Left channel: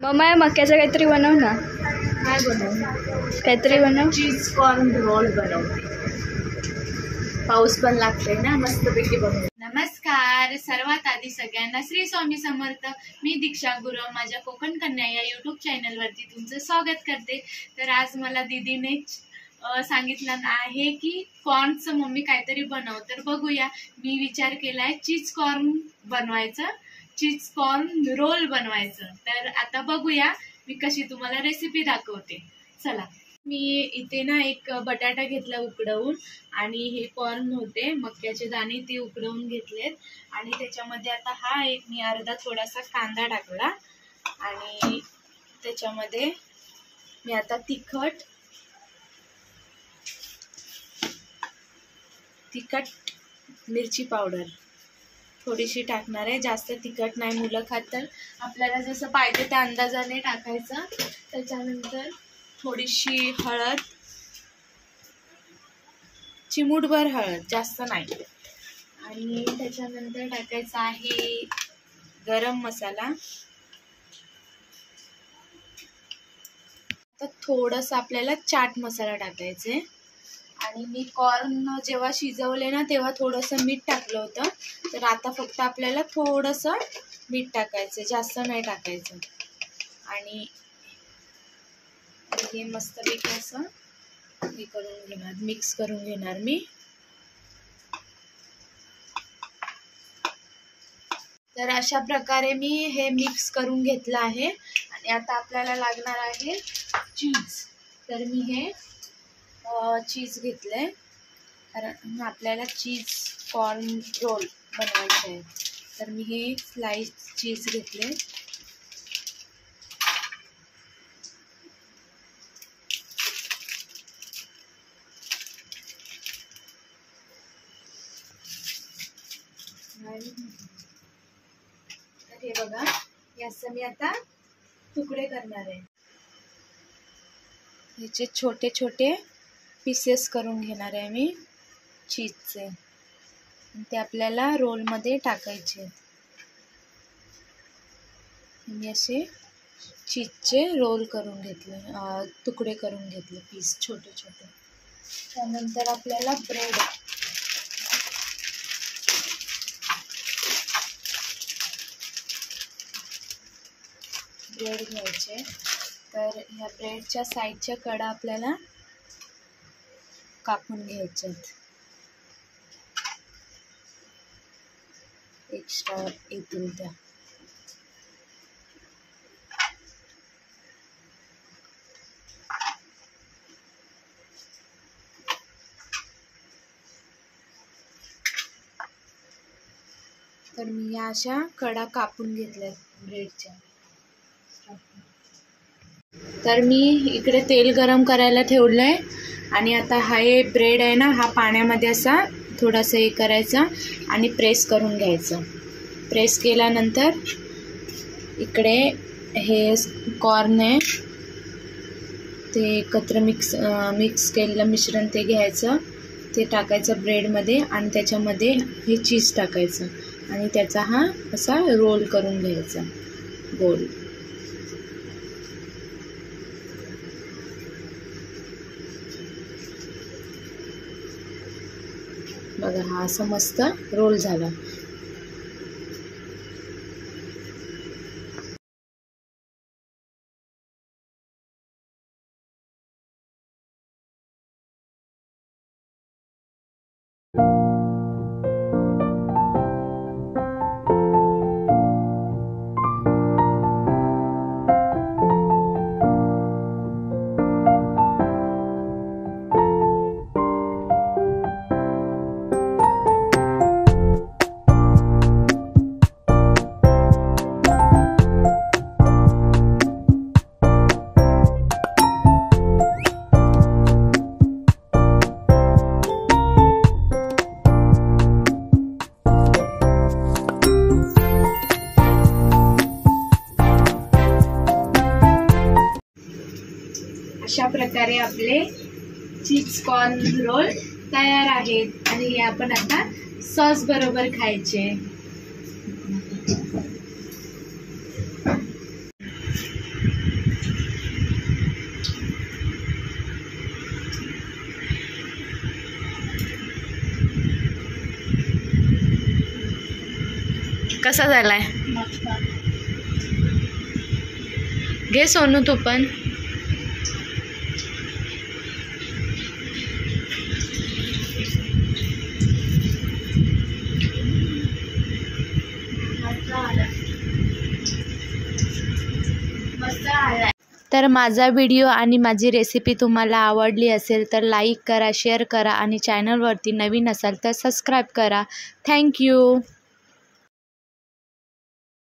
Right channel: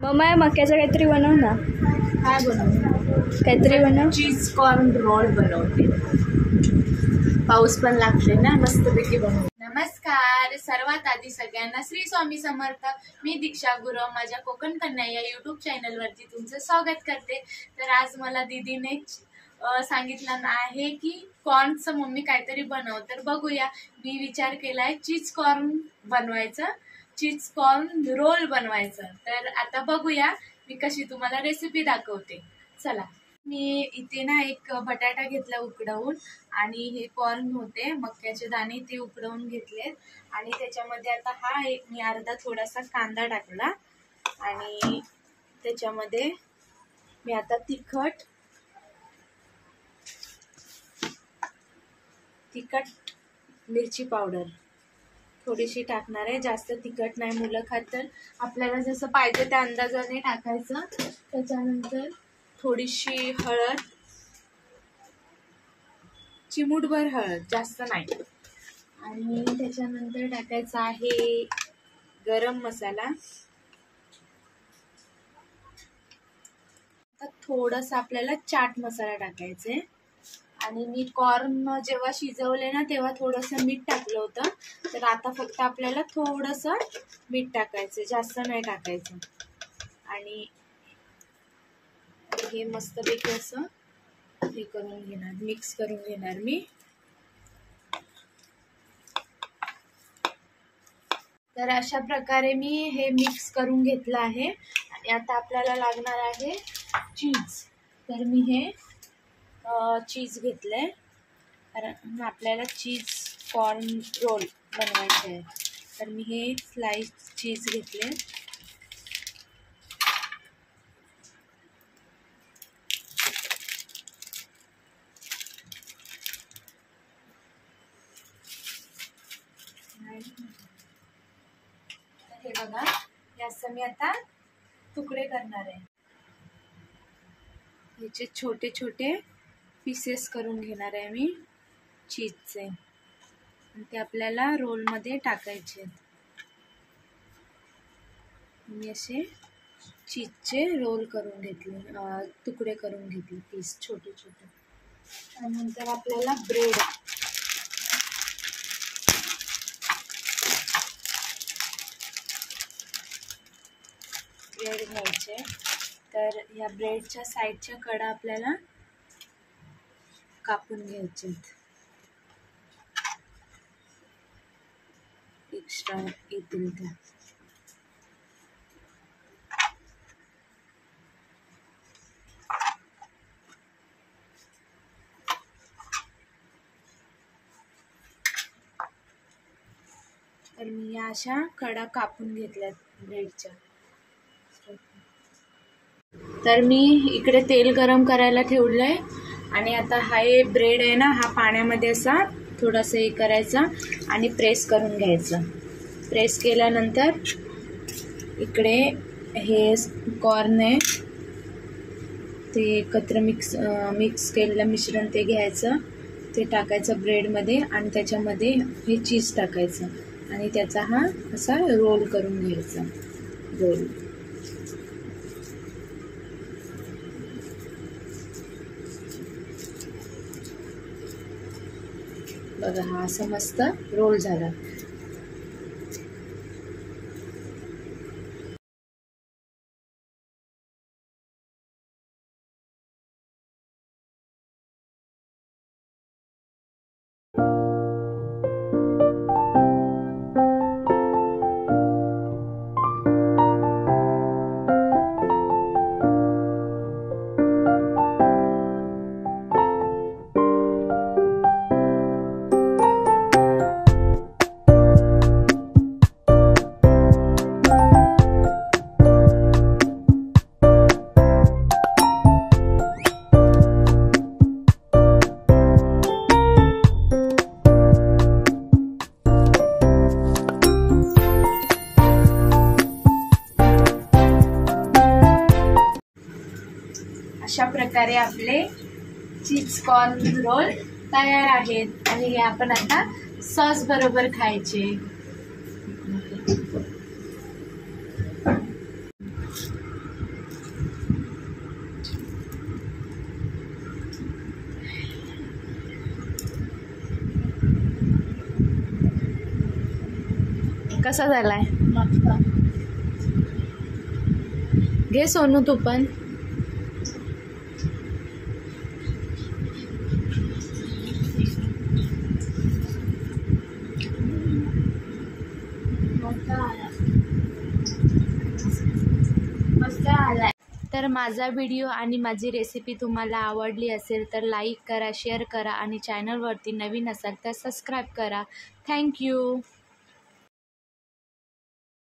Mamma मक्याचं काहीतरी बनव ना. काय बनवू? काहीतरी बनव. चीज कॉर्न रोल बनवते. पाऊस पण लागते ना, मस्तपैकी बनवू. नमस्कार. सर्वात आधी सगळ्यांना श्री स्वामी समर्थ. मी दीक्षा गुरव माझ्या कोकण कन्या या यूट्यूब चॅनलवरती तुमचं स्वागत करते. तर आज मला दीदीने सांगितलं आहे की कॉर्नचं मम्मी काहीतरी बनव. तर बघूया. मी विचार केलाय चीज कॉर्न बनवायचं, चीज कॉर्न रोल बनवायचं. तर आता बघूया मी कशी तुम्हाला रेसिपी दाखवते. चला. मी इथे ना एक बटाटा घेतला उकडवून, आणि हे कॉर्न होते मक्याचे दाणे ते उकडवून घेतलेत. आणि त्याच्यामध्ये आता हा एक मी अर्धा थोडासा कांदा टाकला, आणि त्याच्यामध्ये मी आता तिखट मिरची पावडर थोडीशी टाकणार आहे. जास्त तिखट नाही, मुलं खात, तर आपल्याला जसं पाहिजे त्या अंदाजाने टाकायचं. त्याच्यानंतर थोडीशी हळद, चिमूटभर हळद, जास्त नाही. आणि त्याच्यानंतर टाकायचा आहे गरम मसाला. आता थोडंसं आपल्याला चाट मसाला टाकायचा आहे. आणि मी कॉर्न जेव्हा शिजवले ना तेव्हा थोडंसं मीठ टाकलं होतं, तर आता फक्त आपल्याला थोडंसं मीठ टाकायचं, जास्त नाही टाकायचं. आणि हे मस्तपैकी असं हे करून घेणार, मिक्स करून घेणार मी. तर अशा प्रकारे मी हे मिक्स करून घेतलं आहे. आणि आता आपल्याला लागणार आहे चीज. तर मी हे चीज घेतलंय, कारण आपल्याला चीज कॉर्न रोल बनवायचे आहे. तर मी हे स्लाइस चीज घेतले. तर हे बघा, याचं मी आता तुकडे करणार आहे. याचे छोटे छोटे पीसेस करून घेणार आहे मी चीजचे, आणि ते आपल्याला रोलमध्ये टाकायचे. मी असे चीजचे रोल करून घेतले, तुकडे करून घेतले, पीस छोटे छोटे. त्यानंतर आपल्याला ब्रेड घ्यायचे. तर ह्या ब्रेडच्या साईडच्या कडा आपल्याला कापून घ्यायच्यात, एक्स्ट्रा येतील त्या. तर मी या अशा कडा कापून घेतल्यात ब्रेडच्या. तर मी इकडे तेल गरम करायला ठेवलंय, आणि आता हा ब्रेड आहे ना, हा पाण्यामध्ये असा थोडासा हे करायचा आणि प्रेस करून घ्यायचं. प्रेस केल्यानंतर इकडे हे कॉर्न आहे ते एकत्र मिक्स केलेलं मिश्रण ते घ्यायचं, ते टाकायचं ब्रेडमध्ये, आणि त्याच्यामध्ये हे चीज टाकायचं, आणि त्याचा हा असा रोल करून घ्यायचा गोल. बघा, हा असं मस्त रोल झाला. अशा प्रकारे आपले चीज कॉर्न रोल तयार आहेत, आणि हे आपण आता सॉस बरोबर खायचे. कसा झालाय? घे सोनू तू पण. तर माझा व्हिडिओ आणि माझी रेसिपी तुम्हाला आवडली असेल तर लाईक करा, शेअर करा आणि चॅनलवरती नवीन असाल तर सबस्क्राईब करा. थँक्यू.